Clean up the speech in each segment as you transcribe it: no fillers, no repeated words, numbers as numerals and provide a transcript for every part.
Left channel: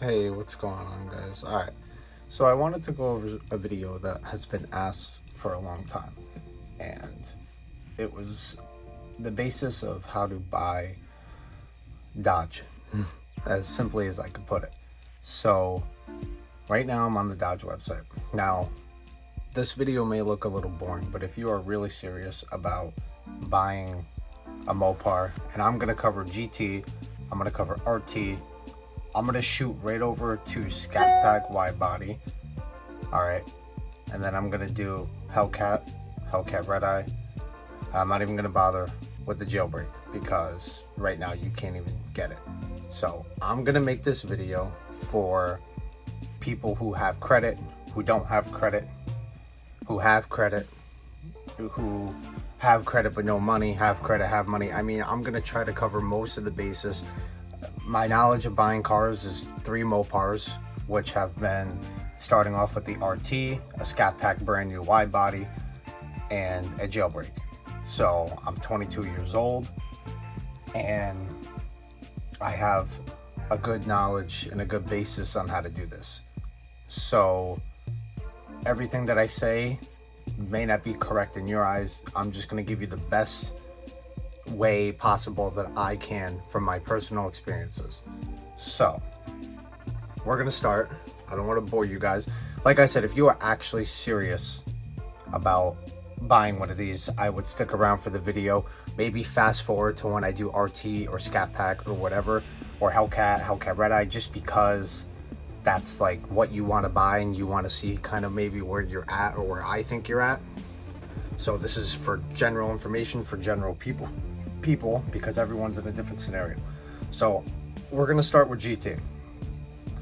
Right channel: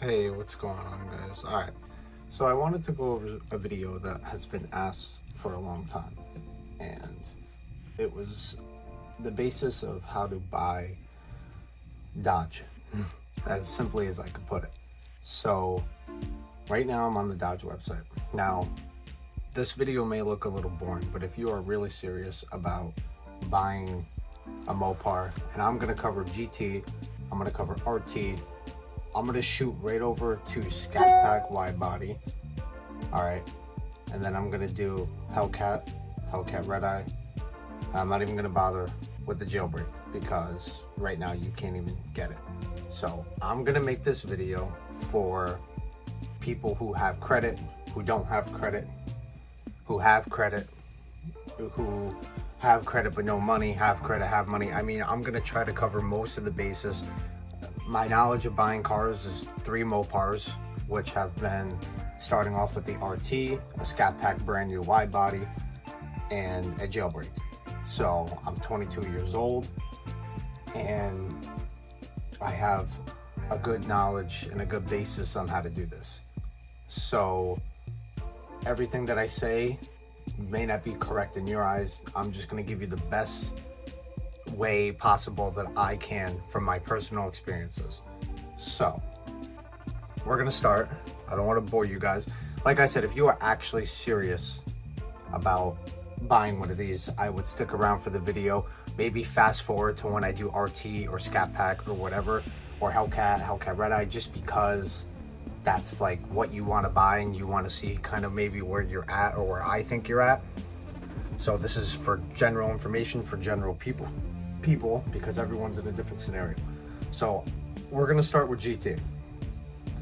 Hey, what's going on, guys? All right, so I wanted to go over a video that has been asked for a long time, and it was the basis of how to buy Dodge, as simply as I could put it. So right now I'm on the Dodge website. Now, this video may look a little boring, but if you are really serious about buying a Mopar, and I'm gonna cover GT, I'm gonna cover RT, I'm gonna shoot right over to Scatpack Widebody, all right, and then I'm gonna do Hellcat Redeye, and I'm not even gonna bother with the jailbreak because right now you can't even get it. So I'm gonna make this video for people who have credit, who don't have credit, who have credit, who have credit but no money, have credit, have money. I mean, I'm gonna try to cover most of the bases. My knowledge of buying cars is 3 Mopars, which have been starting off with the RT, a Scatpack brand new wide body, and a jailbreak. So I'm 22 years old, and I have a good knowledge and a good basis on how to do this. So everything that I say may not be correct in your eyes. I'm just going to give you the best way possible that I can from my personal experiences. So we're going to start. I don't want to bore you guys. Like I said, if you are actually serious about buying one of these, I would stick around for the video. Maybe fast forward to when I do RT or Scatpack or whatever, or Hellcat Redeye, just because that's like what you want to buy and you want to see kind of maybe where you're at or where I think you're at. So this is for general information for general people because everyone's in a different scenario. So we're going to start with GT.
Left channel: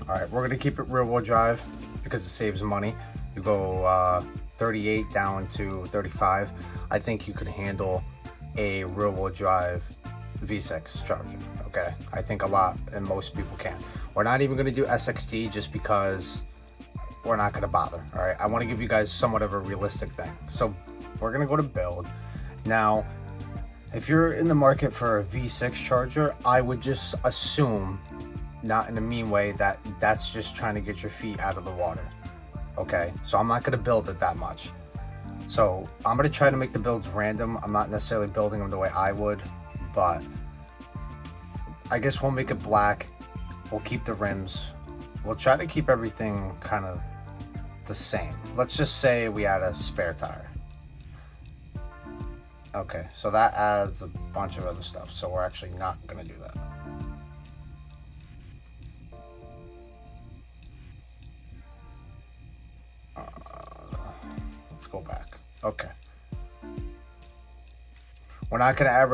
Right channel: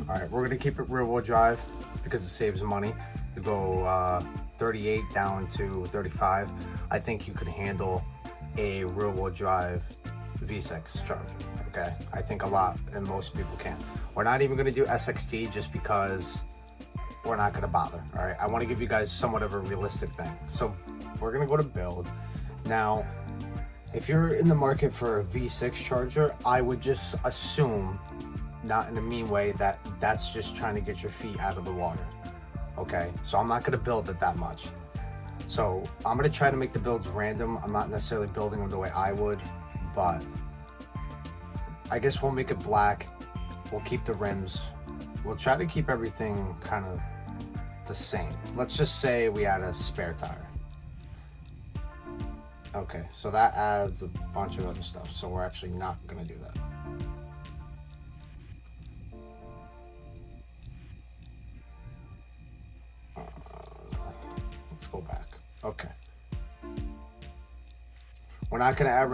All right, we're going to keep it rear wheel drive because it saves money. You go 38 down to 35. I think you could handle a rear wheel drive V6 Charger. Okay, I think a lot and most people can. We're not even going to do SXT just because we're not going to bother. All right, I want to give you guys somewhat of a realistic thing. So we're going to go to build. Now, if you're in the market for a V6 Charger, I would just assume, not in a mean way, that that's just trying to get your feet out of the water. Okay, so I'm not going to build it that much. So I'm going to try to make the builds random. I'm not necessarily building them the way I would, but I guess we'll make it black. We'll keep the rims. We'll try to keep everything kind of the same. Let's just say we add a spare tire. Okay, so that adds a bunch of other stuff, so we're actually not going to do that. Let's go back. Okay. We're not going to add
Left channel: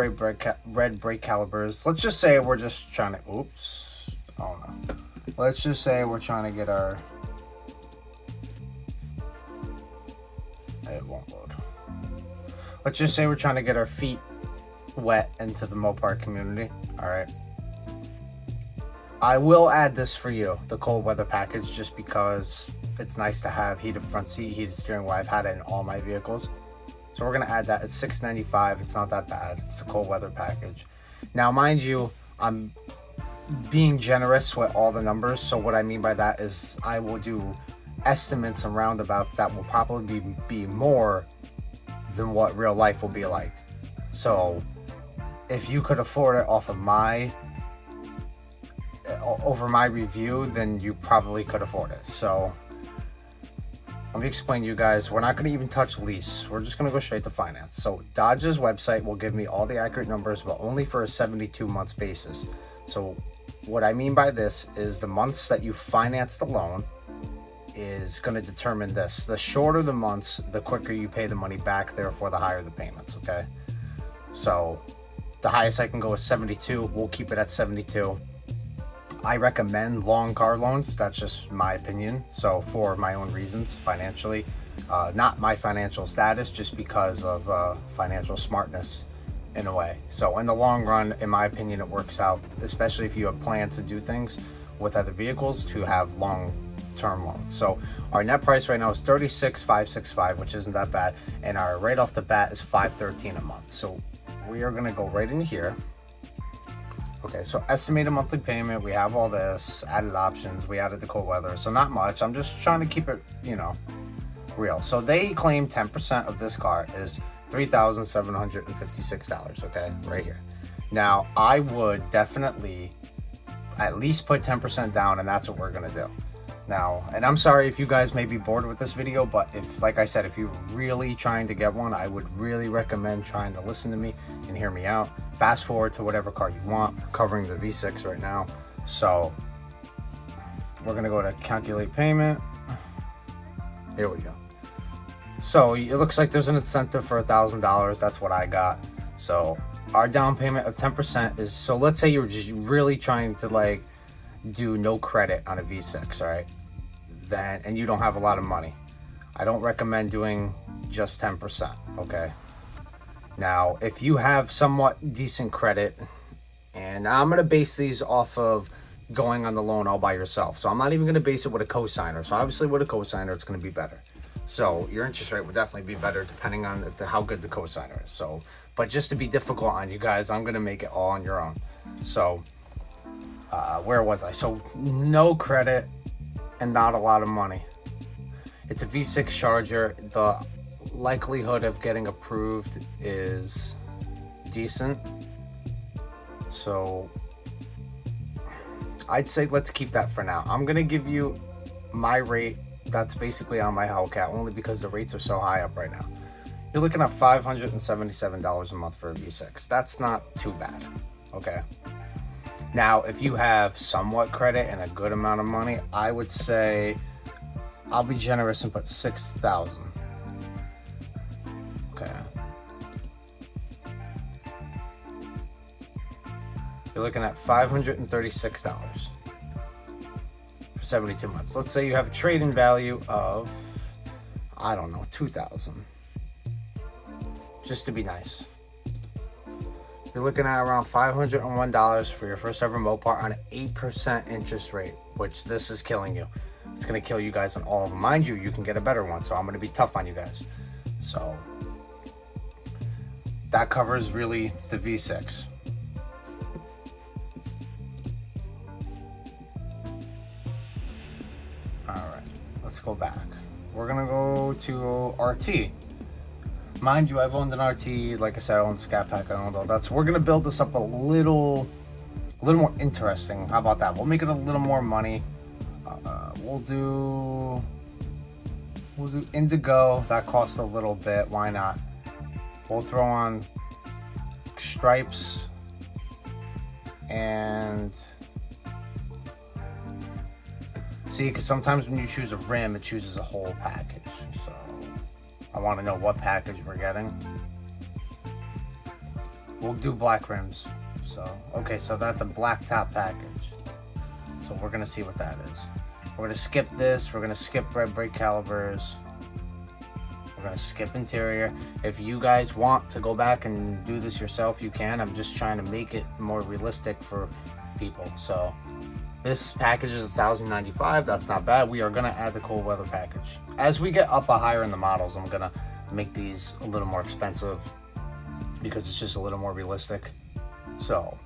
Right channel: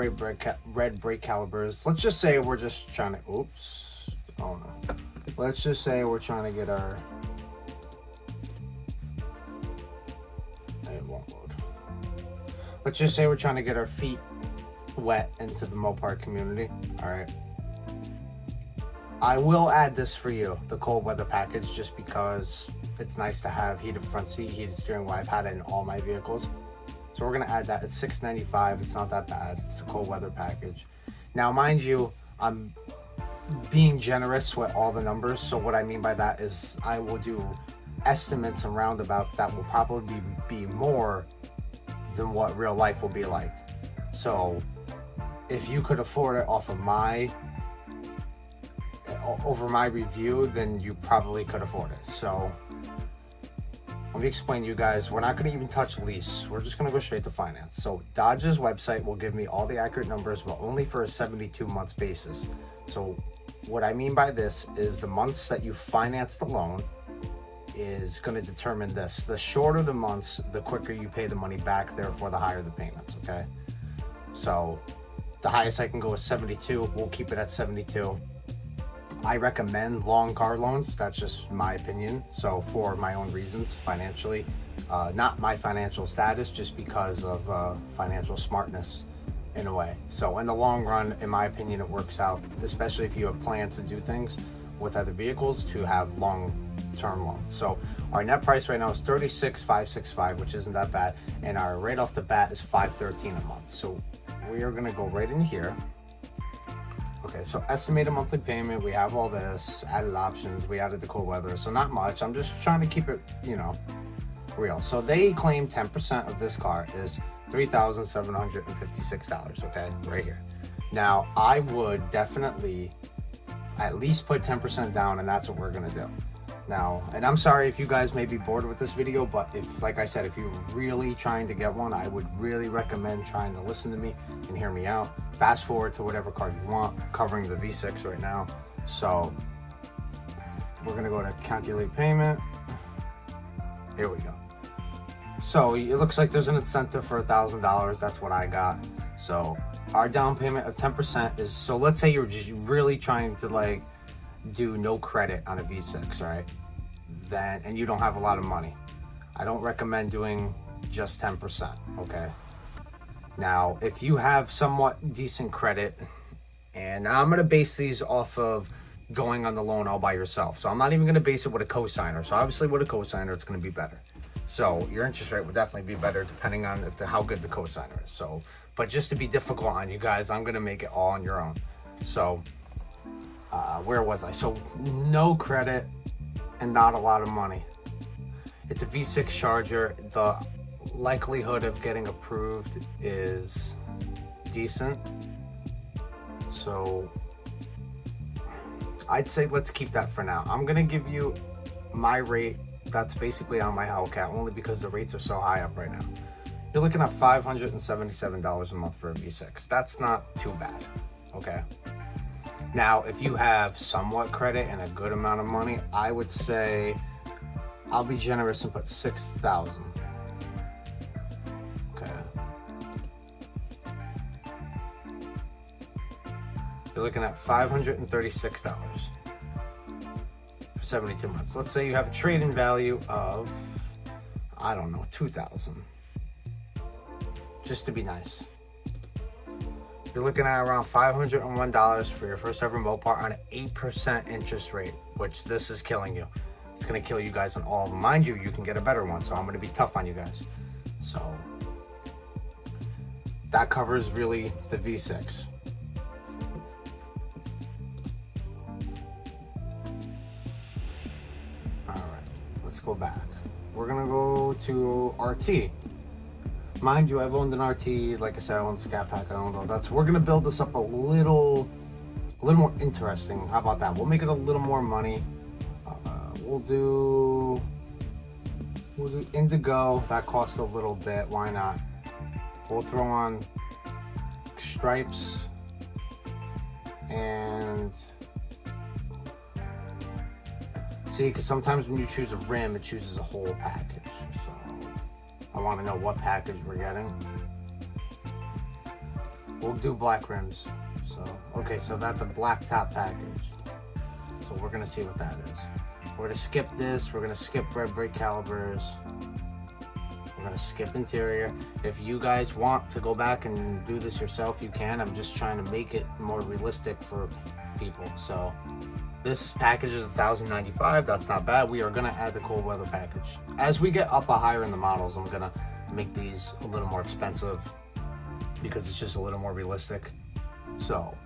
red brake calipers. Let's just say we're just trying to... Oops. Oh, no. Let's just say we're trying to get our... It won't load. Let's just say we're trying to get our feet wet into the Mopar community. All right. I will add this for you, the cold weather package, just because it's nice to have heated front seat, heated steering wheel. I've had it in all my vehicles. So we're going to add that. It's $6.95. It's not that bad. It's the cold weather package. Now, mind you, I'm being generous with all the numbers. So what I mean by that is I will do estimates and roundabouts that will probably be more than what real life will be like. So if you could afford it off of over my review, then you probably could afford it. So let me explain to you guys. We're not going to even touch lease. We're just going to go straight to finance. So Dodge's website will give me all the accurate numbers, but only for a 72 months basis. So what I mean by this is the months that you finance the loan is going to determine this. The shorter the months, the quicker you pay the money back, therefore the higher the payments, okay? So the highest I can go is 72. We'll keep it at 72. I recommend long car loans. That's just my opinion. So for my own reasons, financially, not my financial status, just because of financial smartness in a way. So in the long run, in my opinion, it works out, especially if you have plans to do things with other vehicles, to have long-term loans. So our net price right now is $36,565, which isn't that bad, and our right off the bat is $513 a month. So we are going to go right in here. Okay, so estimated monthly payment, we have all this, added options, we added the cold weather, so not much. I'm just trying to keep it, you know, real. So they claim 10% of this car is $3,756, okay, right here. Now, I would definitely at least put 10% down, and that's what we're gonna do. Now, and I'm sorry if you guys may be bored with this video, but if, like I said, if you're really trying to get one, I would really recommend trying to listen to me and hear me out. Fast forward to whatever car you want, covering the V6 right now. So we're gonna go to calculate payment. Here we go. So it looks like there's an incentive for $1,000. That's what I got. So our down payment of 10% is, so let's say you're just really trying to like do no credit on a V6, right? Then, and you don't have a lot of money, I don't recommend doing just 10%, okay? Now, if you have somewhat decent credit, and I'm gonna base these off of going on the loan all by yourself. So I'm not even gonna base it with a cosigner. So obviously with a cosigner, it's gonna be better. So your interest rate would definitely be better depending on how good the cosigner is. So, but just to be difficult on you guys, I'm gonna make it all on your own. So where was I? So no credit and not a lot of money. It's a V6 Charger. The likelihood of getting approved is decent. So I'd say let's keep that for now. I'm gonna give you my rate that's basically on my Hellcat, only because the rates are so high up right now. You're looking at $577 a month for a V6. That's not too bad, okay? Now, if you have somewhat credit and a good amount of money, I would say I'll be generous and put $6,000. Okay. You're looking at $536 for 72 months. Let's say you have a trade-in value of, I don't know, $2,000. Just to be nice. You're looking at around $501 for your first ever Mopar on an 8% interest rate, which this is killing you. It's gonna kill you guys on all of them. Mind you, you can get a better one, so I'm gonna be tough on you guys. So that covers really the V6. All right, let's go back. We're gonna go to RT. Mind you, I've owned an RT. Like I said, I own Scatpack. I own all that. So we're gonna build this up a little more interesting. How about that? We'll make it a little more money. We'll do Indigo. That costs a little bit. Why not? We'll throw on stripes and see, because sometimes when you choose a rim, it chooses a whole package. So I want to know what package we're getting. We'll do black rims. So, okay, so that's a black top package. So we're gonna see what that is. We're gonna skip this. We're gonna skip red brake calibers. We're gonna skip interior. If you guys want to go back and do this yourself, you can. I'm just trying to make it more realistic for people. So this package is $1,095. That's not bad. We are gonna add the cold weather package. As we get up higher in the models, I'm gonna make these a little more expensive because it's just a little more realistic. So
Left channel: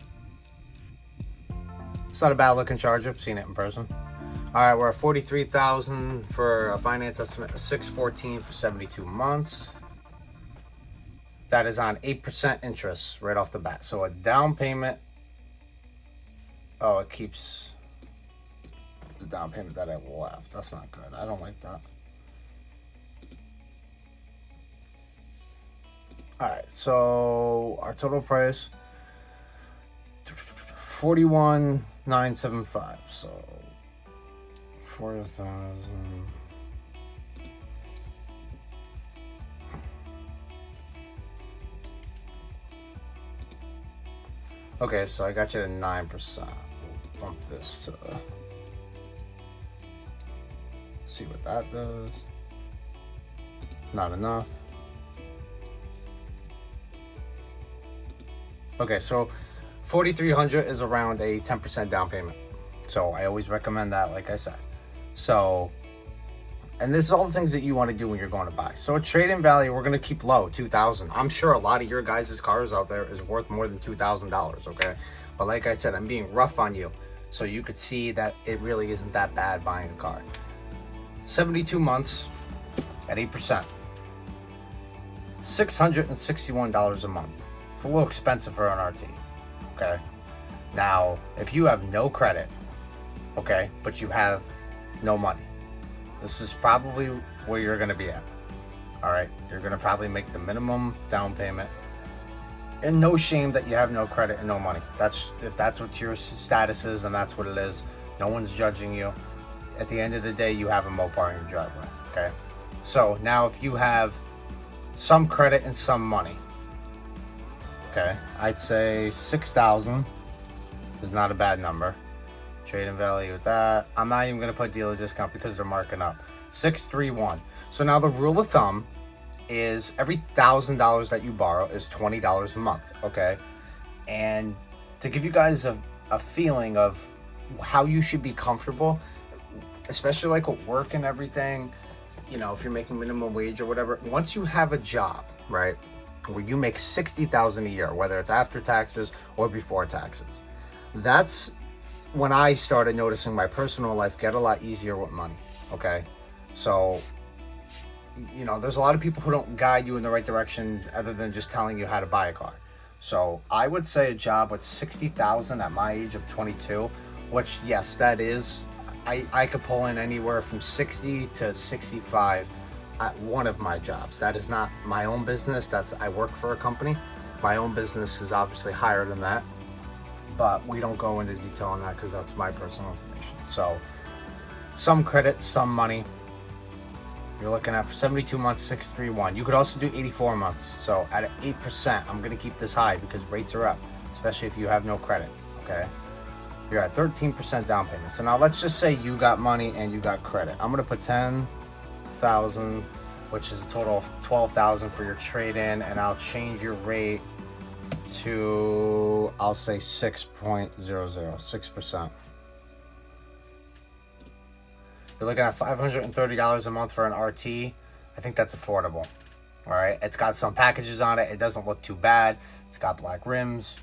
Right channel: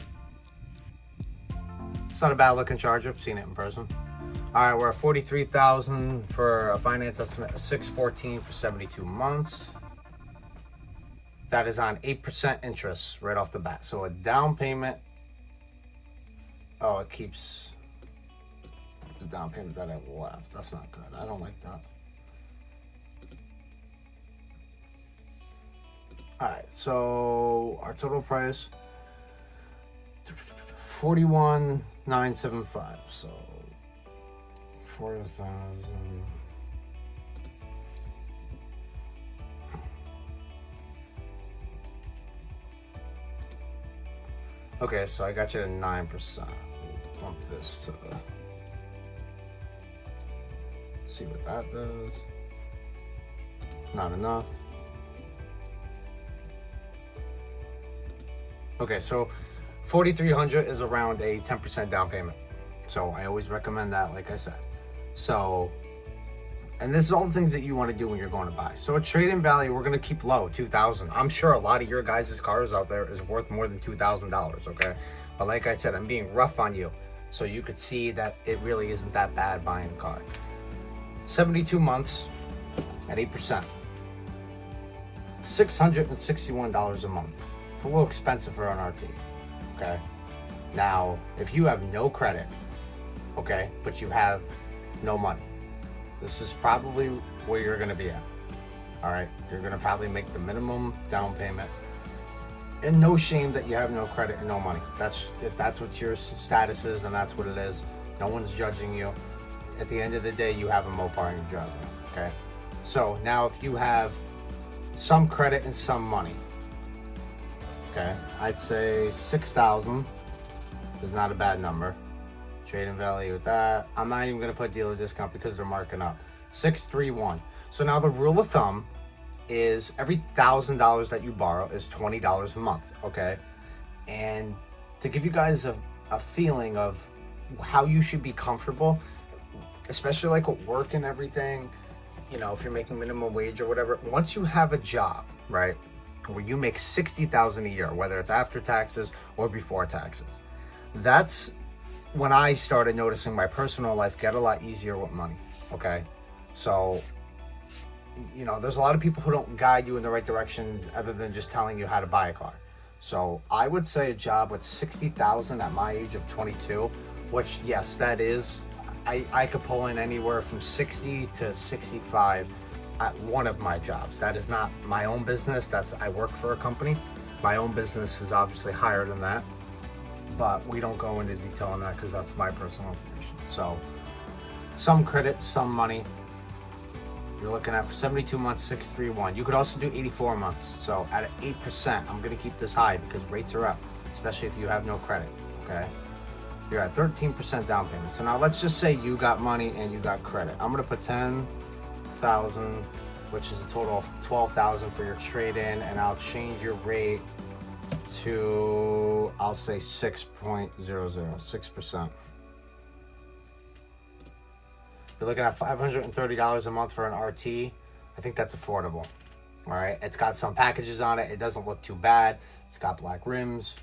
it's not a bad looking Charger. I've seen it in person. All right, we're at $43,000 for a finance estimate of $614 for 72 months. That is on 8% interest right off the bat. So a down payment. Oh, it keeps the down payment that I left. That's not good. I don't like that. All right, so our total price $41,975. So 4,000. Okay, so I got you to 9%. We'll bump this to see what that does. Not enough. Okay, so 4,300 is around a 10% down payment. So I always recommend that, like I said. So, and this is all the things that you want to do when you're going to buy. So a trade-in value, we're going to keep low, $2,000. I'm sure a lot of your guys' cars out there is worth more than $2,000, okay? But like I said, I'm being rough on you, so you could see that it really isn't that bad buying a car. 72 months at 8%. $661 a month. It's a little expensive for an RT, okay? Now, if you have no credit, okay, but you have no money, this is probably where you're gonna be at, all right? You're gonna probably make the minimum down payment. And no shame that you have no credit and no money. If that's what your status is, and that's what it is. No one's judging you. At the end of the day, you have a Mopar in your driveway, okay? So now if you have some credit and some money, okay, I'd say 6,000 is not a bad number. Trade-in value with that. I'm not even gonna put dealer discount because they're marking up. 631. So now the rule of thumb is every $1,000 that you borrow is $20 a month, okay? And to give you guys a feeling of how you should be comfortable, especially like with work and everything, you know, if you're making minimum wage or whatever, once you have a job, right, where you make $60,000 a year, whether it's after taxes or before taxes, that's when I started noticing my personal life get a lot easier with money, okay? So, you know, there's a lot of people who don't guide you in the right direction other than just telling you how to buy a car. So I would say a job with 60,000 at my age of 22, which yes, that is, I could pull in anywhere from 60 to 65 at one of my jobs. That is not my own business. I work for a company. My own business is obviously higher than that, but we don't go into detail on that because that's my personal information. So some credit, some money. You're looking at for 72 months, 631. You could also do 84 months. So at 8%, I'm gonna keep this high because rates are up, especially if you have no credit, okay? You're at 13% down payment. So now let's just say you got money and you got credit. I'm gonna put 10,000, which is a total of 12,000 for your trade-in, and I'll change your rate to, I'll say 6.00, 6%. You're looking at $530 a month for an RT. I think that's affordable. All right, it's got some packages on it. It doesn't look too bad. It's got black rims.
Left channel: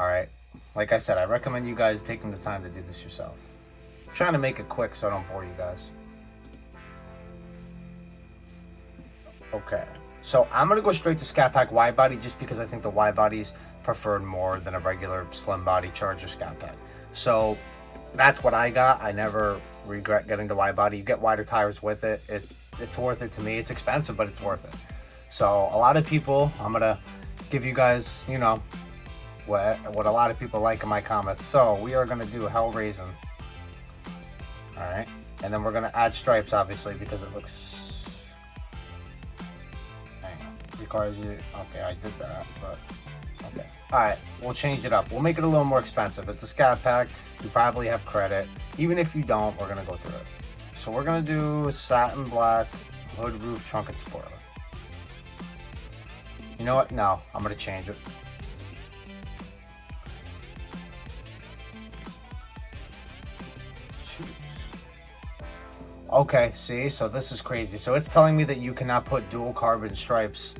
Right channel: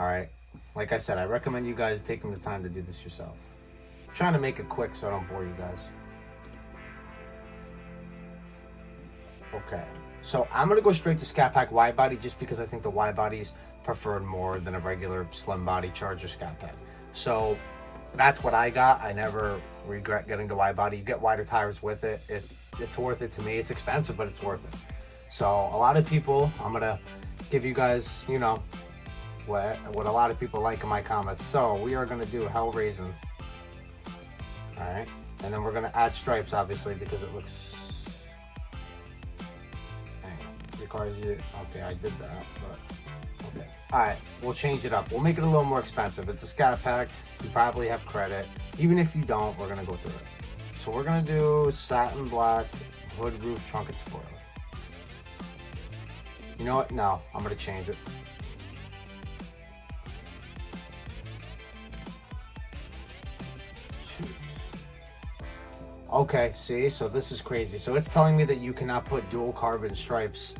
All right, like I said, I recommend you guys taking the time to do this yourself. I'm trying to make it quick so I don't bore you guys. Okay, so I'm gonna go straight to Scatpack Widebody just because I think the Widebody's preferred more than a regular slim body Charger Scatpack. So that's what I got. I never regret getting the Widebody. You get wider tires with it. It's worth it to me. It's expensive, but it's worth it. So a lot of people, I'm gonna give you guys, you know, what a lot of people like in my comments. So we are gonna do Hell Raisin. All right, and then we're gonna add stripes, obviously, because it looks. Hang on, your car is okay. I did that, but okay. All right, we'll change it up. We'll make it a little more expensive. It's a Scatpack. You probably have credit. Even if you don't, we're gonna go through it. So we're gonna do satin black, hood, roof, trunk, and spoiler. You know what? No, I'm gonna change it. Okay, see, so this is crazy. So it's telling me that you cannot put dual carbon stripes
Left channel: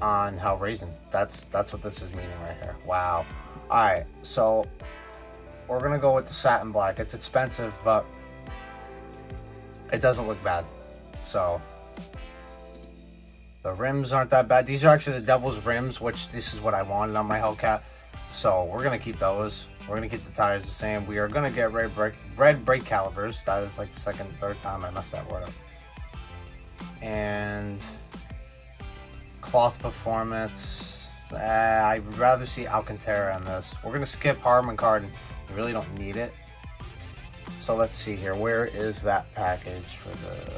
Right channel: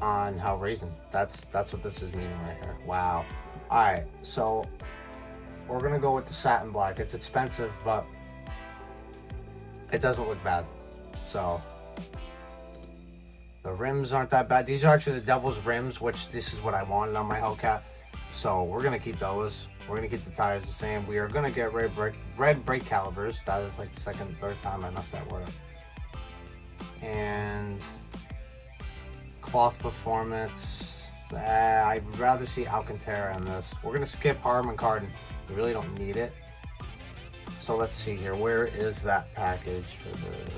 on Hell Raisin. That's what this is meaning right here. Wow. All right, so we're gonna go with the satin black. It's expensive, but it doesn't look bad. So the rims aren't that bad. These are actually the Devil's rims, which this is what I wanted on my Hellcat. So we're gonna keep those. We're gonna keep the tires the same. We are gonna get red brake calipers. That is like the second, third time I messed that word up. And cloth performance. I'd rather see Alcantara in this. We're gonna skip Harman Kardon. We really don't need it. So let's see here. Where is that package for the?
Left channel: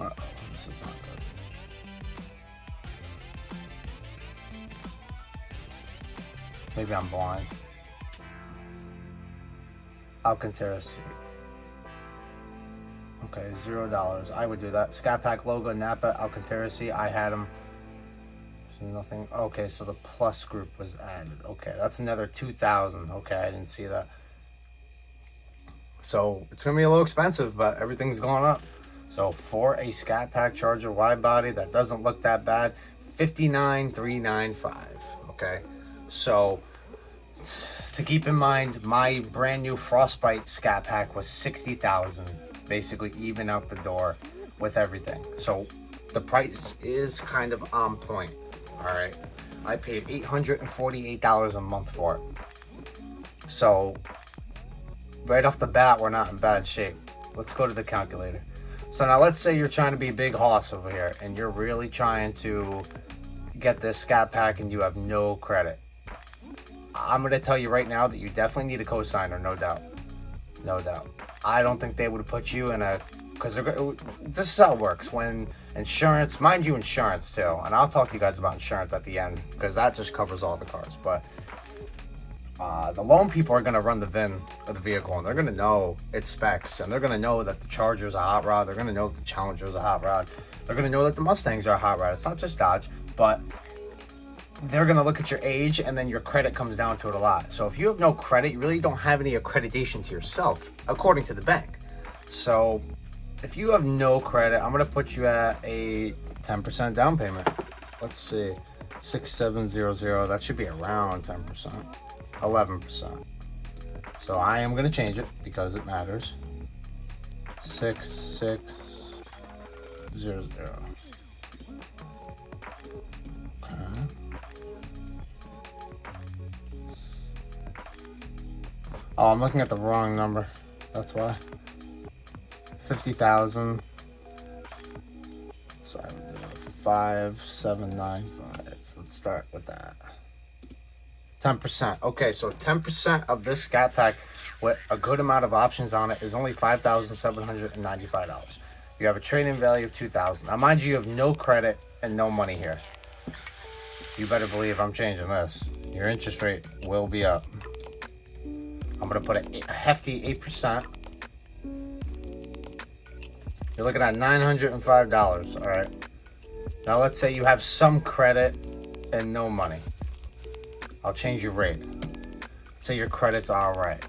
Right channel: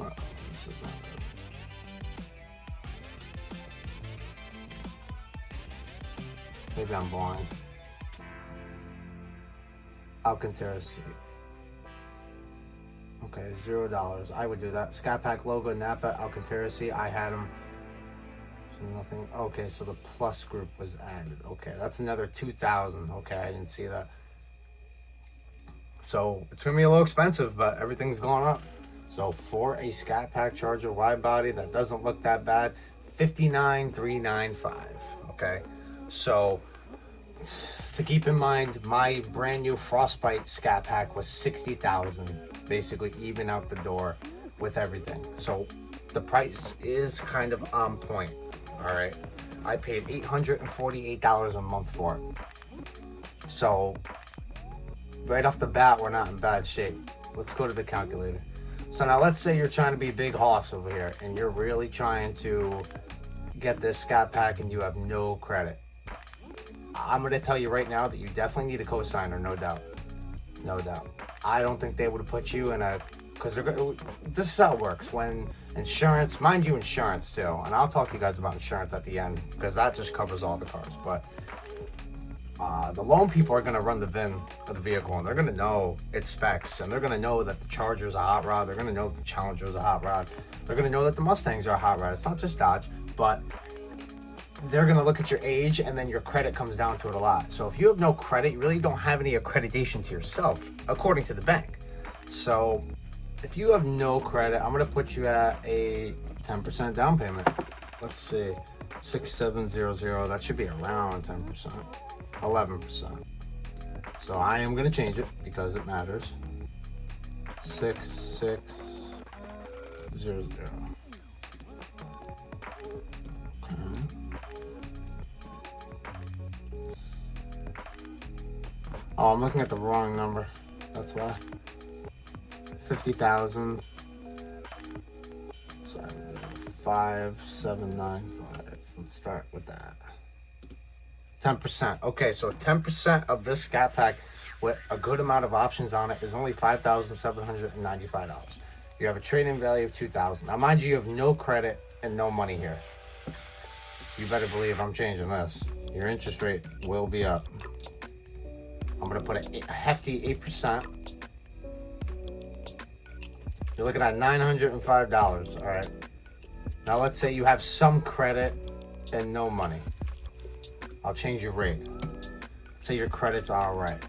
Oh, this is not good. Maybe I'm blind. Alcantara seat. Okay, $0. I would do that. Scatpack logo, Napa, Alcantara seat. I had them. So nothing. Okay, so the plus group was added. Okay, that's another 2,000. Okay, I didn't see that. So it's gonna be a little expensive, but everything's going up. So for a Scatpack Charger wide body that doesn't look that bad, $59,395. Okay, so to keep in mind, my brand new Frostbite Scatpack was $60,000, basically even out the door with everything. So the price is kind of on point. All right, I paid $848 a month for it. So right off the bat, we're not in bad shape. Let's go to the calculator. So now let's say you're trying to be big hoss over here and you're really trying to get this Scatpack and you have no credit. I'm going to tell you right now that you definitely need a cosigner, no doubt. No doubt. I don't think they would put you in a, because this is how it works. When insurance, mind you, insurance too, and I'll talk to you guys about insurance at the end because that just covers all the cars, but the loan people are going to run the VIN of the vehicle and they're going to know its specs, and they're going to know that the Charger's a hot rod, they're going to know that the Challenger's a hot rod, they're going to know that the Mustangs are a hot rod. It's not just Dodge, but they're going to look at your age, and then your credit comes down to it a lot. So if you have no credit, you really don't have any accreditation to yourself, according to the bank. So if you have no credit, I'm going to put you at a 10% down payment. Let's see, 6700, that should be around 10%, 11%. So I am going to change it because it matters. 6600. Oh, I'm looking at the wrong number. That's why. 50,000. Sorry, 5795. Let's start with that. 10%. Okay, so 10% of this Scatpack with a good amount of options on it is only $5,795. You have a trade-in value of $2,000. Now, mind you, you have no credit and no money here. You better believe I'm changing this. Your interest rate will be up. I'm going to put a hefty 8%. You're looking at $905, all right? Now, let's say you have some credit and no money. I'll change your rate. Let's say your credit's all right.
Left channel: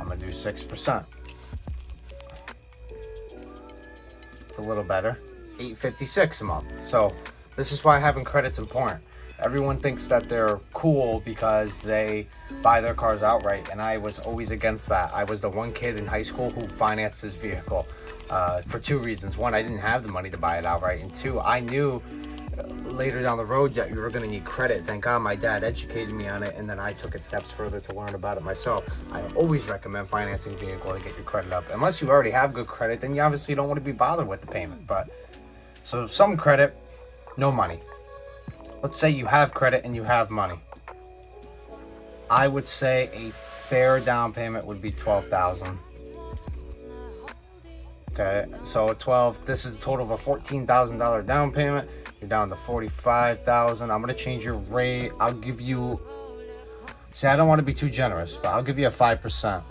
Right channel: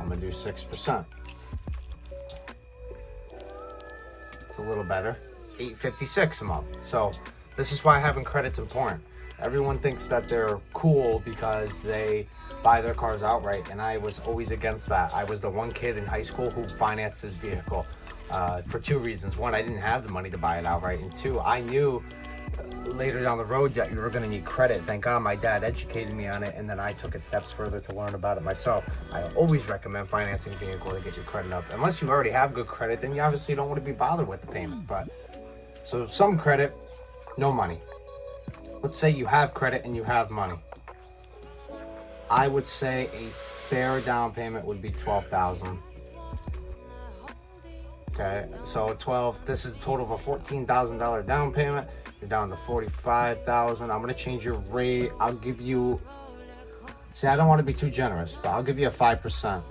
I'm going to do 6%. It's a little better. $856 a month. So this is why having credit's important. Everyone thinks that they're cool because they buy their cars outright, and I was always against that. I was the one kid in high school who financed his vehicle for two reasons. One, I didn't have the money to buy it outright, and two, I knew later down the road that you were going to need credit. Thank God my dad educated me on it, and then I took it steps further to learn about it myself. I always recommend financing a vehicle to get your credit up. Unless you already have good credit, then you obviously don't want to be bothered with the payment. But so some credit, no money. Let's say you have credit and you have money. I would say a fair down payment would be $12,000. Okay, so 12. This is a total of a $14,000 down payment. You're down to $45,000. I'm gonna change your rate. I'll give you. See, I don't want to be too generous, but I'll give you a 5%.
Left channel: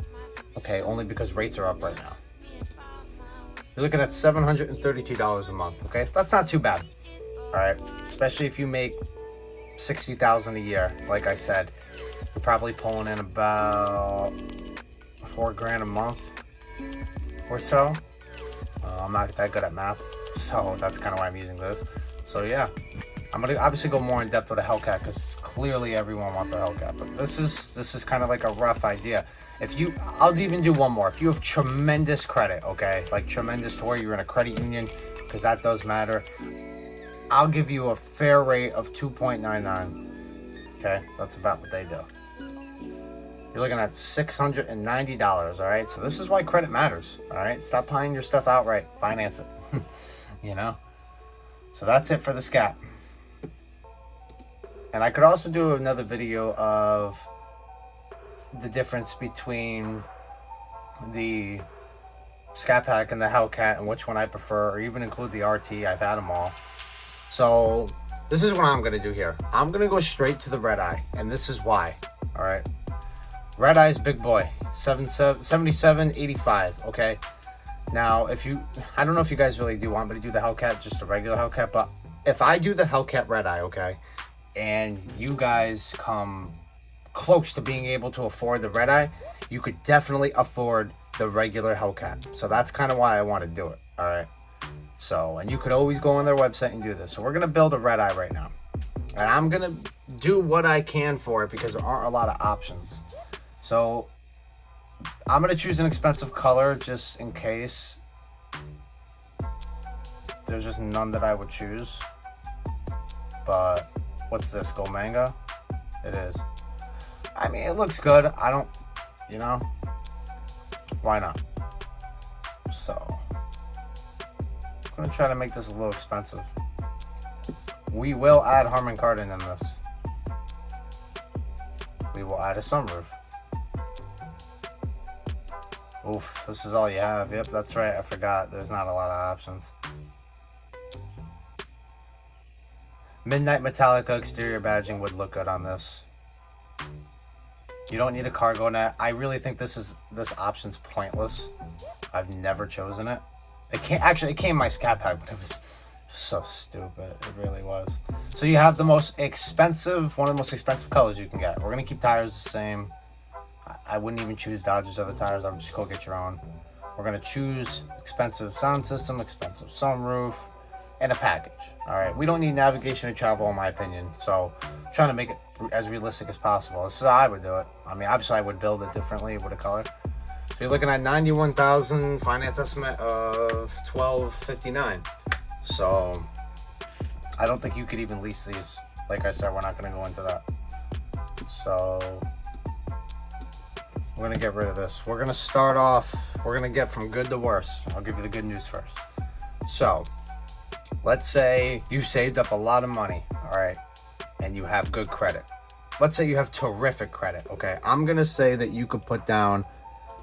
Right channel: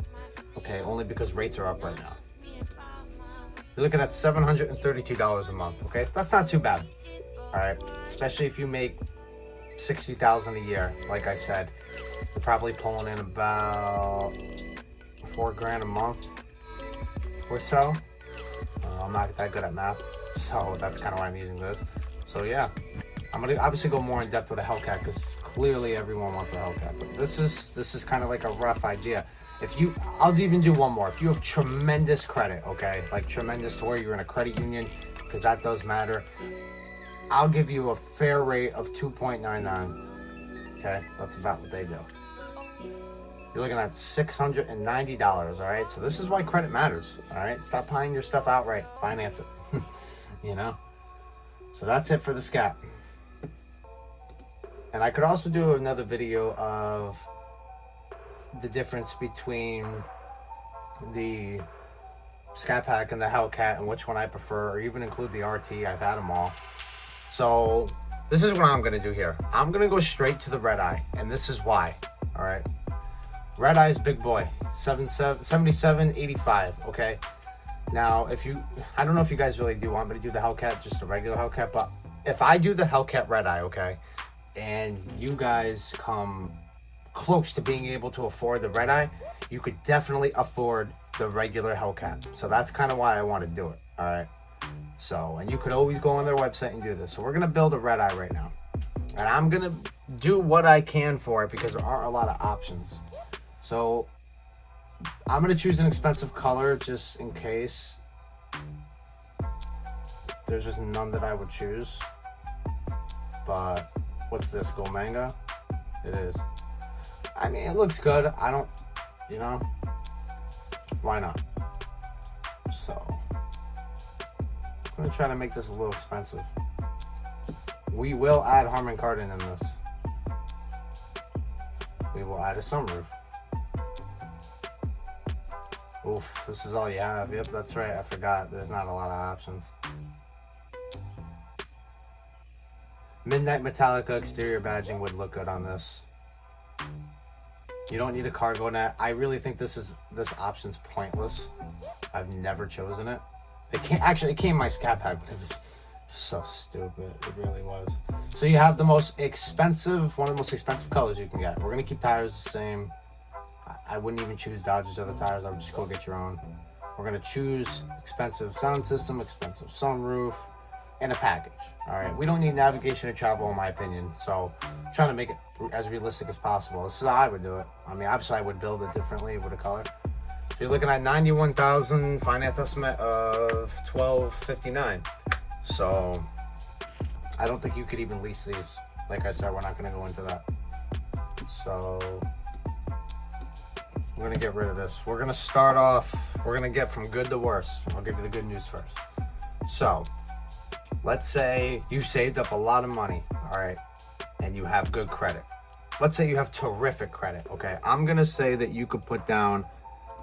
Okay, only because rates are up right now. You're looking at $732 a month. Okay, that's not too bad. All right, especially if you make $60,000 a year. Like I said, you're probably pulling in about $4,000 a month or so. I'm not that good at math, so that's kind of why I'm using this. So yeah, I'm gonna obviously go more in depth with a Hellcat because clearly everyone wants a Hellcat. But this is kind of like a rough idea. If you, I'll even do one more. If you have tremendous credit, okay, like tremendous to where you're in a credit union, because that does matter. I'll give you a fair rate of 2.99. Okay, that's about what they do. You're looking at $690, all right? So this is why credit matters, all right? Stop buying your stuff outright. Finance it, you know? So that's it for the Scat. And I could also do another video of the difference between the Scatpack and the Hellcat and which one I prefer, or even include the RT. I've had them all. So this is what I'm going to do here. I'm going to go straight to the Redeye, and this is why, all right? Redeye's big boy, 7785, okay? Now, if you, I don't know if you guys really do want me to do the Hellcat, just a regular Hellcat, but if I do the Hellcat Redeye, okay, and you guys come close to being able to afford the Redeye, you could definitely afford the regular Hellcat. So that's kind of why I want to do it, all right? So, and you could always go on their website and do this. So we're gonna build a Redeye right now, and I'm gonna do what I can for it because there aren't a lot of options. So I'm gonna choose an expensive color just in case there's just none that I would choose. But what's this, gold mango? It is. I mean, it looks good. I don't, you know, why not? So I'm gonna try to make this a little expensive. We will add Harman Kardon in this. We will add a sunroof. Oof, this is all you have. Yep, that's right, I forgot. There's not a lot of options. Midnight Metallica exterior badging would look good on this. You don't need a cargo net. I really think this option's pointless. I've never chosen it. It came in my Scatpack, but it was so stupid. It really was. So you have the most expensive, one of the most expensive colors you can get. We're gonna keep tires the same. I wouldn't even choose Dodge's other tires. I would just go get your own. We're gonna choose expensive sound system, expensive sunroof, and a package. All right, we don't need navigation to travel, in my opinion. So I'm trying to make it as realistic as possible. This is how I would do it. I mean, obviously I would build it differently with a color. So you're looking at 91,000, finance estimate of 1259. So I don't think you could even lease these. Like I said, we're not gonna go into that. So we're gonna get rid of this. We're gonna start off, we're gonna get from good to worse. I'll give you the good news first. So let's say you saved up a lot of money, all right, and you have good credit. Let's say you have terrific credit, okay? I'm gonna say that you could put down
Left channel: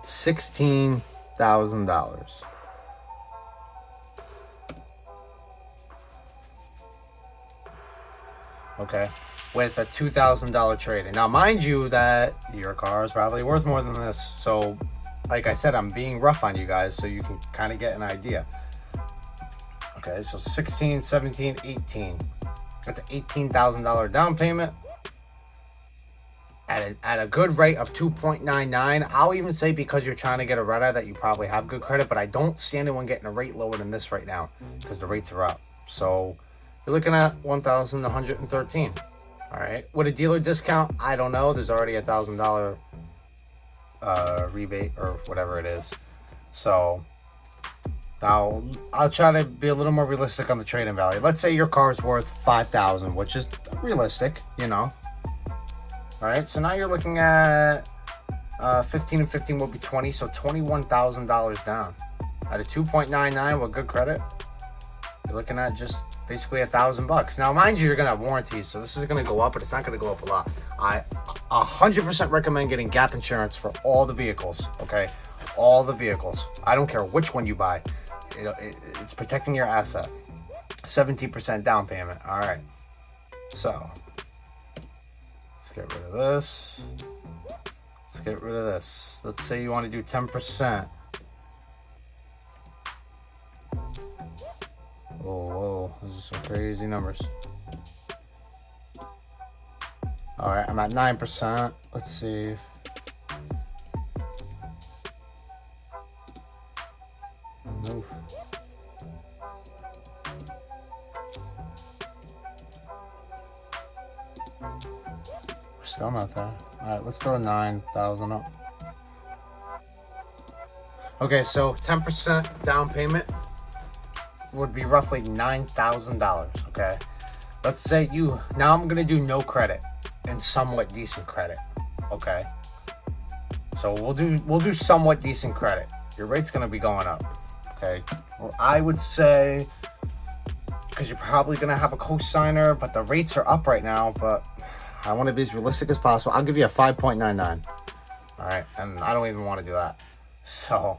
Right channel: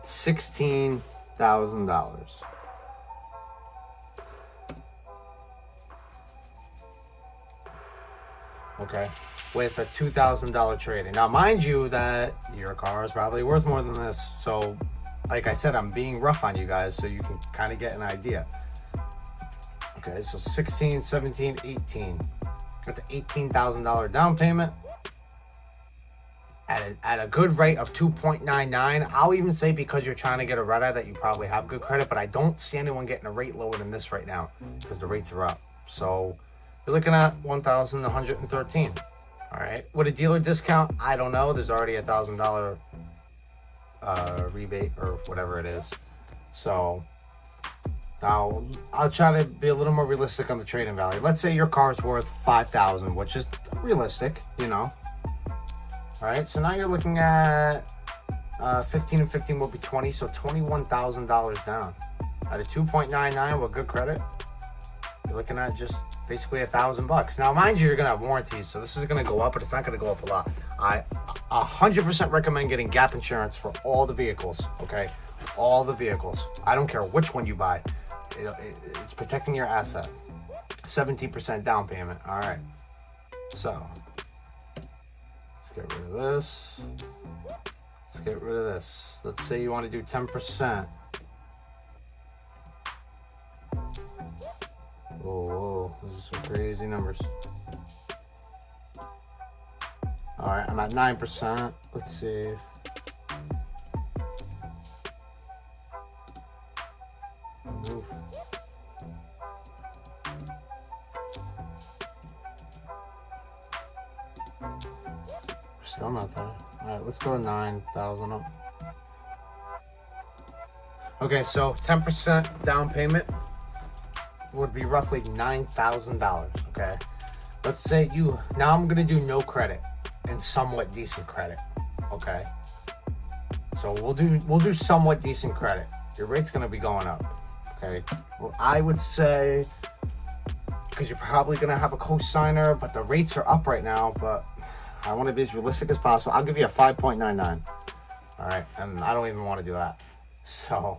$16,000. Okay, with a $2,000 trade-in. Now, mind you that your car is probably worth more than this. So, like I said, I'm being rough on you guys so you can kind of get an idea. Okay, so 16, 17, 18. That's an $18,000 down payment at a good rate of 2.99. I'll even say, because you're trying to get a Redeye, that you probably have good credit, but I don't see anyone getting a rate lower than this right now because the rates are up. So you're looking at 1,113. All right, with a dealer discount, I don't know. There's already a $1,000 rebate or whatever it is. So now I'll try to be a little more realistic on the trade-in value. Let's say your car is worth $5,000, which is realistic, you know. All right, so now you're looking at 15 and 15 will be 20, so $21,000 down at a 2.99 with good credit. You're looking at just basically $1,000. Now, mind you, you're gonna have warranties, so this is gonna go up, but it's not gonna go up a lot. I 100% recommend getting gap insurance for all the vehicles. Okay, all the vehicles. I don't care which one you buy. It's protecting your asset. 17% down payment. All right, so let's get rid of this. Let's get rid of this. Let's say you want to do 10%. Whoa, those are some crazy numbers. All right, I'm at 9%. Let's see. Move. Still not there. All right, let's throw 9,000 up. Okay, so 10% down payment would be roughly $9,000. Okay, let's say now I'm gonna do no credit and somewhat decent credit. Okay, so we'll do somewhat decent credit. Your rate's gonna be going up. Okay, well, I would say, because you're probably gonna have a co-signer, but the rates are up right now. But I want to be as realistic as possible. I'll give you a 5.99. All right, and I don't even want to do that. So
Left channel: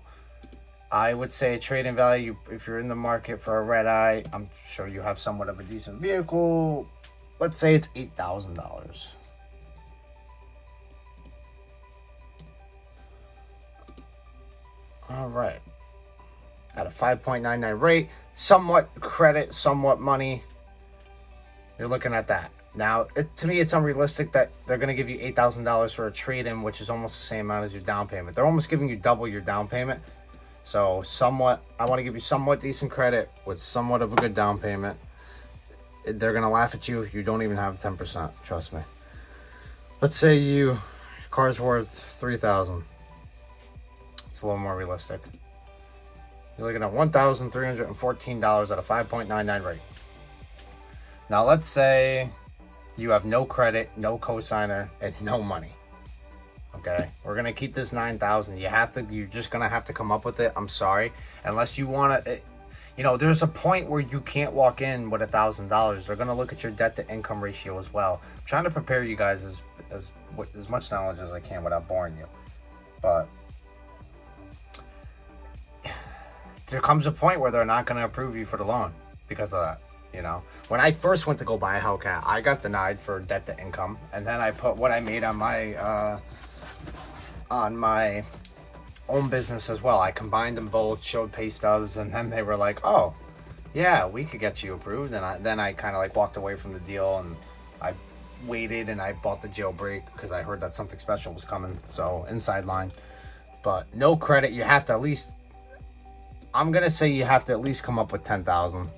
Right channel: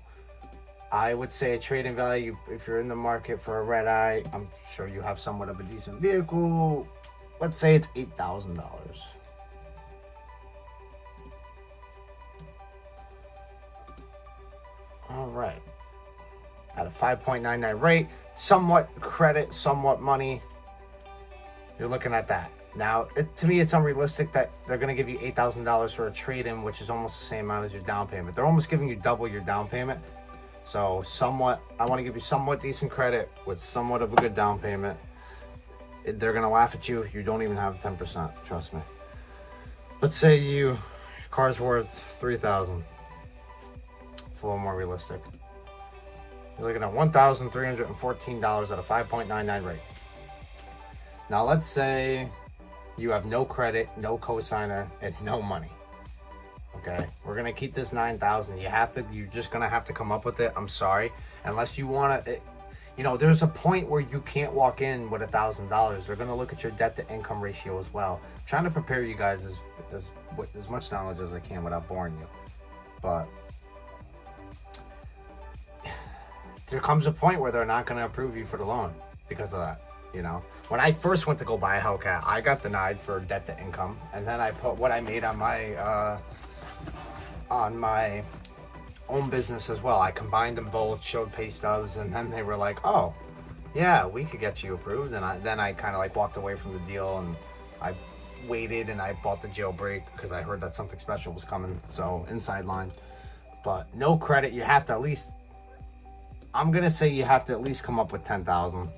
I would say trade-in value, if you're in the market for a Redeye, I'm sure you have somewhat of a decent vehicle. Let's say it's $8,000. All right. At a 5.99 rate, somewhat credit, somewhat money, you're looking at that. Now, to me, it's unrealistic that they're going to give you $8,000 for a trade-in, which is almost the same amount as your down payment. They're almost giving you double your down payment. So somewhat, I want to give you somewhat decent credit with somewhat of a good down payment. They're going to laugh at you if you don't even have 10%, trust me. Let's say your car's worth $3,000. It's a little more realistic. You're looking at $1,314 at a 5.99 rate. Now let's say you have no credit, no cosigner, and no money. Okay, we're gonna keep this $9,000. You're just gonna have to come up with it. I'm sorry, unless you want to. You know, there's a point where you can't walk in with $1,000. They're gonna look at your debt to income ratio as well. I'm trying to prepare you guys as much knowledge as I can without boring you. But there comes a point where they're not gonna approve you for the loan because of that. You know, when I first went to go buy a Hellcat, I got denied for debt to income, and then I put what I made on my own business as well. I combined them both, showed pay stubs, and then they were like, "Oh, yeah, we could get you approved." And then I kind of like walked away from the deal, and I waited and I bought the jailbreak because I heard that something special was coming. So inside line, but no credit. You have to at least. I'm gonna say you have to at least come up with 10,000.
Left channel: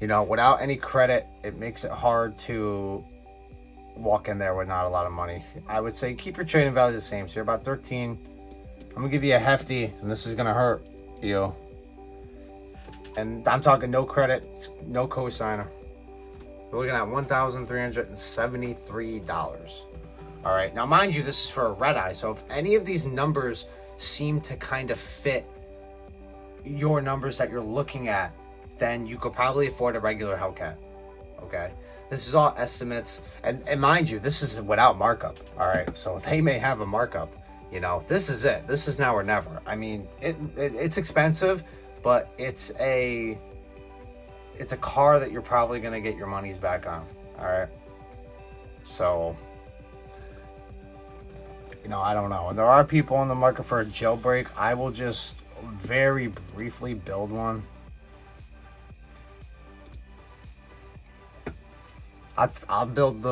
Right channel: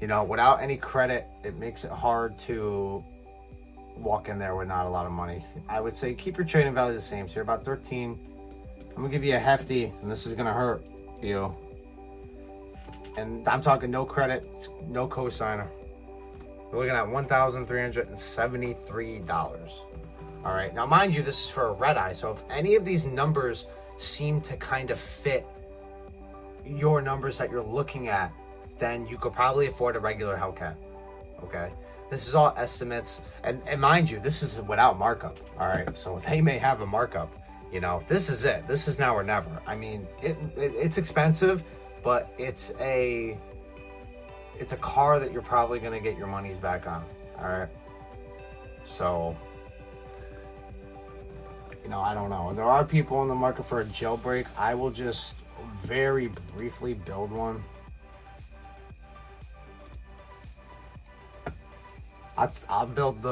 You know, without any credit, it makes it hard to walk in there with not a lot of money. I would say keep your trading value the same. So you're about 13. I'm gonna give you a hefty, and this is gonna hurt you. And I'm talking no credit, no cosigner. We're looking at $1,373. All right, now mind you, this is for a Redeye. So if any of these numbers seem to kind of fit your numbers that you're looking at, then you could probably afford a regular Hellcat. Okay, this is all estimates, and mind you, this is without markup. All right, so they may have a markup. You know, this is it. This is now or never. I mean, it's expensive, but it's a car that you're probably gonna get your money's back on. All right, so you know, I don't know. There are people in the market for a jailbreak. I will just very briefly build one. I'll build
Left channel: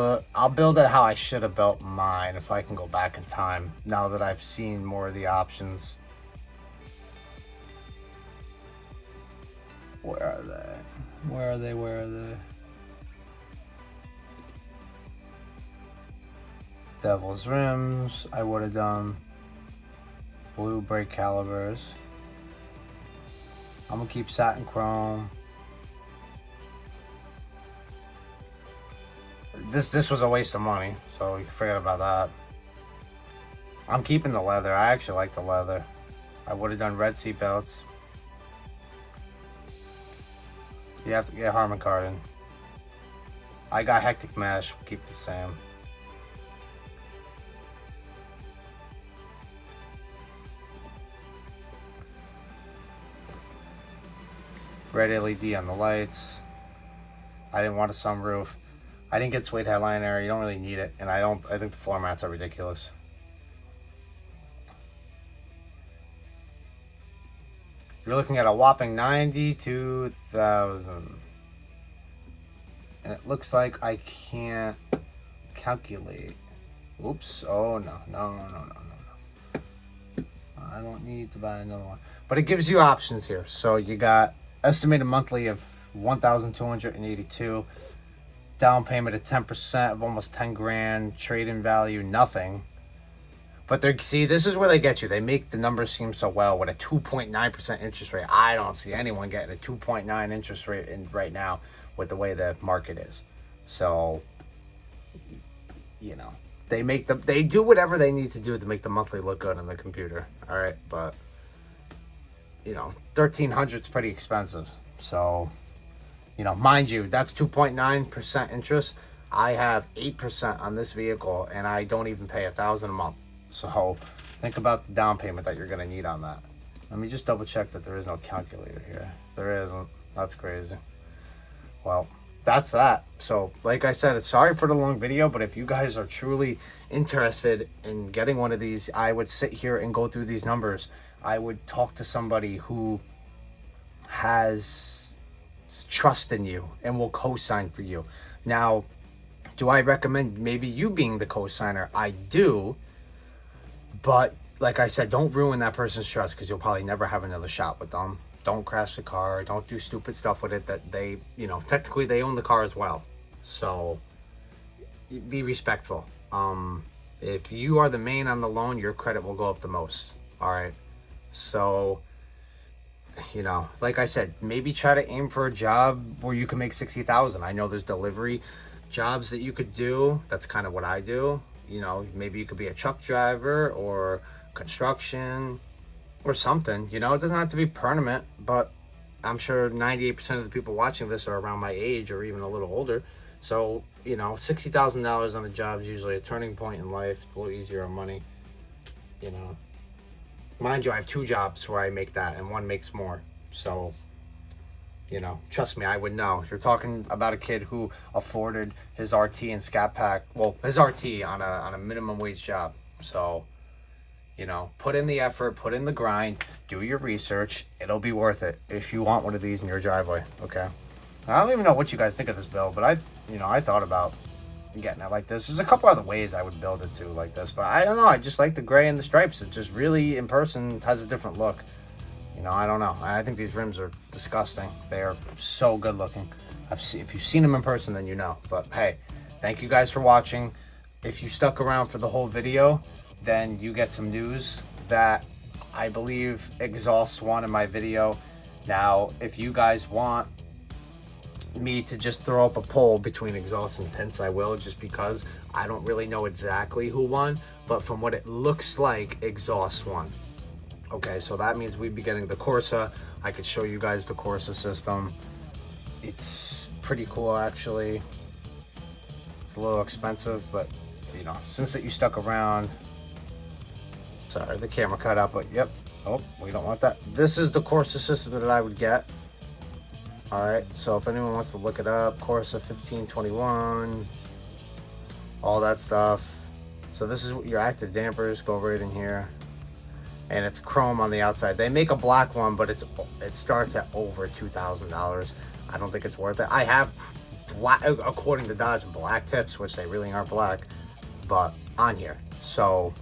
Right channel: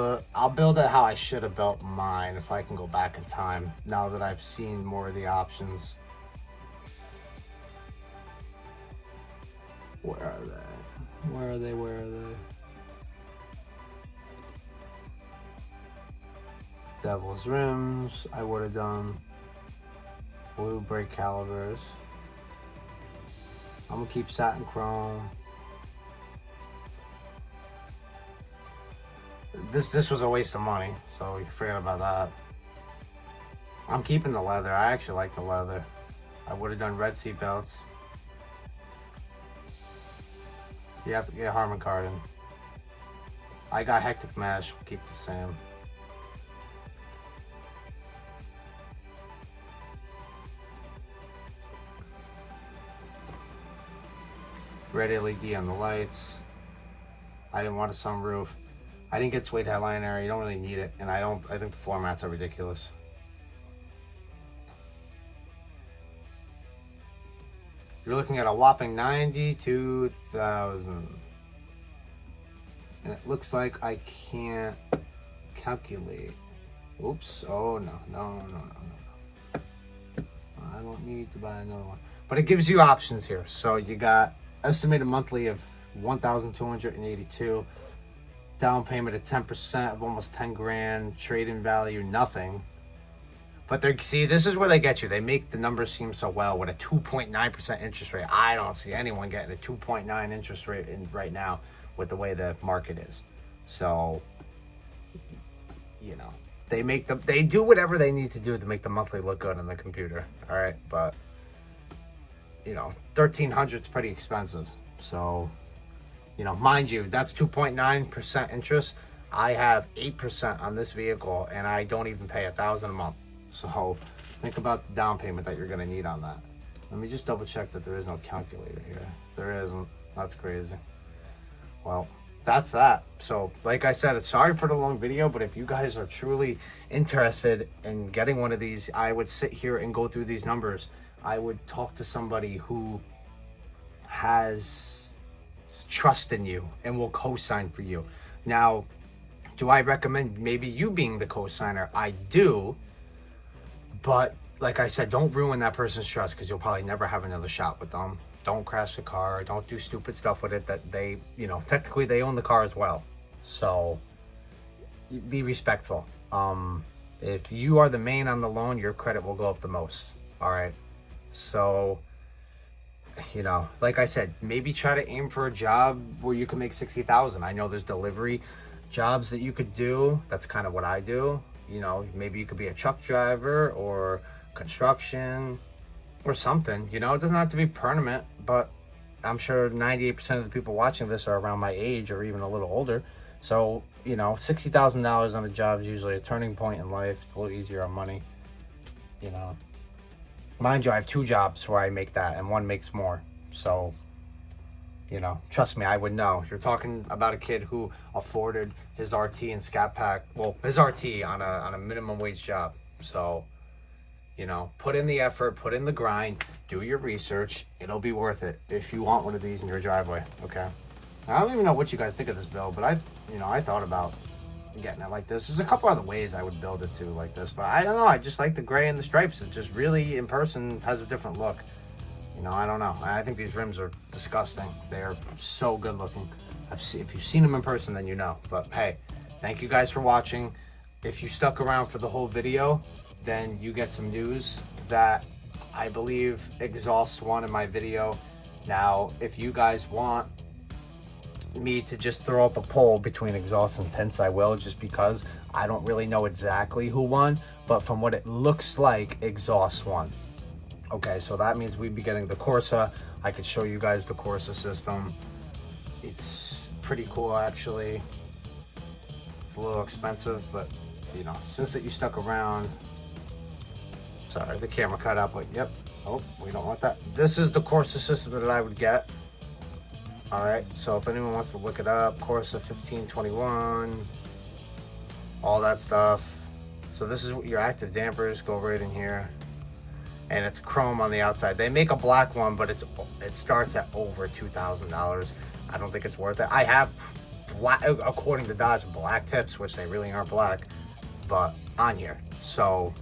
it how I should have built mine if I can go back in time, now that I've seen more of the options. Where are they? Where are they? Where are they? Devil's rims, I would have done. Blue brake calibers. I'm gonna keep satin chrome. This was a waste of money, so you forget about that. I'm keeping the leather. I actually like the leather. I would have done red seat belts. You have to get Harman Kardon. I got hectic mesh. We'll keep the same. Red LED on the lights. I didn't want a sunroof. I didn't get suede headline area. You don't really need it, and I think the floor mats are ridiculous. You're looking at a whopping 92,000, and it looks like I can't calculate. Oops! Oh no! I don't need to buy another one. But it gives you options here. So you got estimated monthly of 1,282. Down payment of 10% of almost 10 grand, trade-in value, nothing. But see, this is where they get you. They make the numbers seem so well with a 2.9% interest rate. I don't see anyone getting a 2.9 interest rate right now with the way the market is. So, you know, they do whatever they need to do to make the monthly look good on the computer. All right, but you know, 1,300 is pretty expensive. So, you know, mind you, that's 2.9% interest. I have 8% on this vehicle, and I don't even pay $1,000 a month. So think about the down payment that you're going to need on that. Let me just double check that there is no calculator here. There isn't. That's crazy. Well, that's that. So like I said, sorry for the long video, but if you guys are truly interested in getting one of these, I would sit here and go through these numbers. I would talk to somebody who has trust in you and will co-sign for you. Now, do I recommend maybe you being the co-signer? I do, but like I said, don't ruin that person's trust, because you'll probably never have another shot with them. Don't crash the car. Don't do stupid stuff with it that they, you know, technically they own the car as well. So be respectful. If you are the main on the loan, your credit will go up the most. All right. So, you know, like I said, maybe try to aim for a job where you can make 60,000. I know there's delivery jobs that you could do. That's kind of what I do. You know, maybe you could be a truck driver or construction or something. You know, it doesn't have to be permanent, but I'm sure 98% of the people watching this are around my age or even a little older. So, you know, $60,000 on a job is usually a turning point in life. It's a little easier on money, you know. Mind you, I have 2 jobs where I make that, and one makes more. So, you know, trust me, I would know. You're talking about a kid who afforded his RT and Scatpack, well, his RT on a minimum wage job. So, you know, put in the effort, put in the grind, do your research. It'll be worth it if you want one of these in your driveway, okay? I don't even know what you guys think of this build, but I thought about getting it like this. There's a couple other ways I would build it too like this, but I don't know. I just like the gray and the stripes. It just really, in person, has a different look. You know, I don't know. I think these rims are disgusting. They are so good looking. If you've seen them in person, then you know. But hey, thank you guys for watching. If you stuck around for the whole video, then you get some news that I believe exhausts one in my video. Now, if you guys want me to just throw up a poll between exhaust and tints, I will, just because I don't really know exactly who won, but from what it looks like, exhaust won. Okay, so that means we'd be getting the Corsa. I could show you guys the Corsa system. It's pretty cool, actually. It's a little expensive, but you know, since that you stuck around, sorry, the camera cut out, but yep. Oh, we don't want that. This is the Corsa system that I would get. All right, so if anyone wants to look it up, Corsa 1521, all that stuff. So this is your active dampers, go right in here. And it's chrome on the outside. They make a black one, but it starts at over $2,000. I don't think it's worth it. I have black, according to Dodge, black tips, which they really aren't black, but on here. So,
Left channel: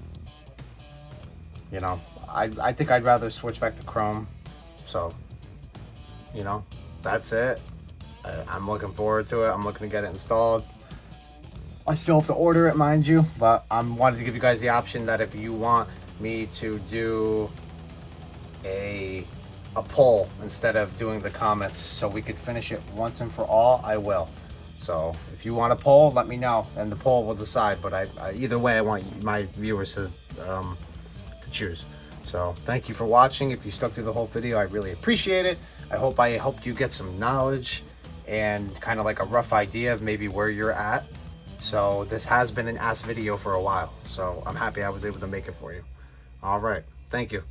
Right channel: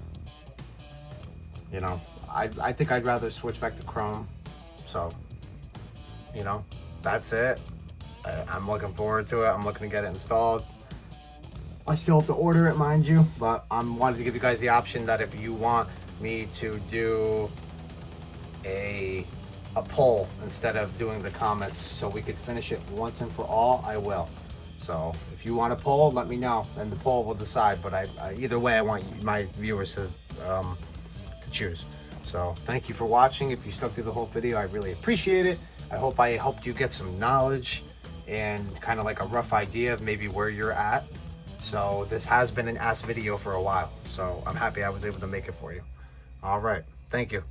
you know, I think I'd rather switch back to chrome. So, you know, that's it. I'm looking forward to it. I'm looking to get it installed. I still have to order it, mind you, but I wanted to give you guys the option that if you want me to do a poll instead of doing the comments so we could finish it once and for all, I will. So if you want a poll, let me know and the poll will decide, but either way, I want my viewers to choose. So thank you for watching. If you stuck through the whole video, I really appreciate it. I hope I helped you get some knowledge and kind of like a rough idea of maybe where you're at. So this has been an ass video for a while, so I'm happy I was able to make it for you. All right, thank you.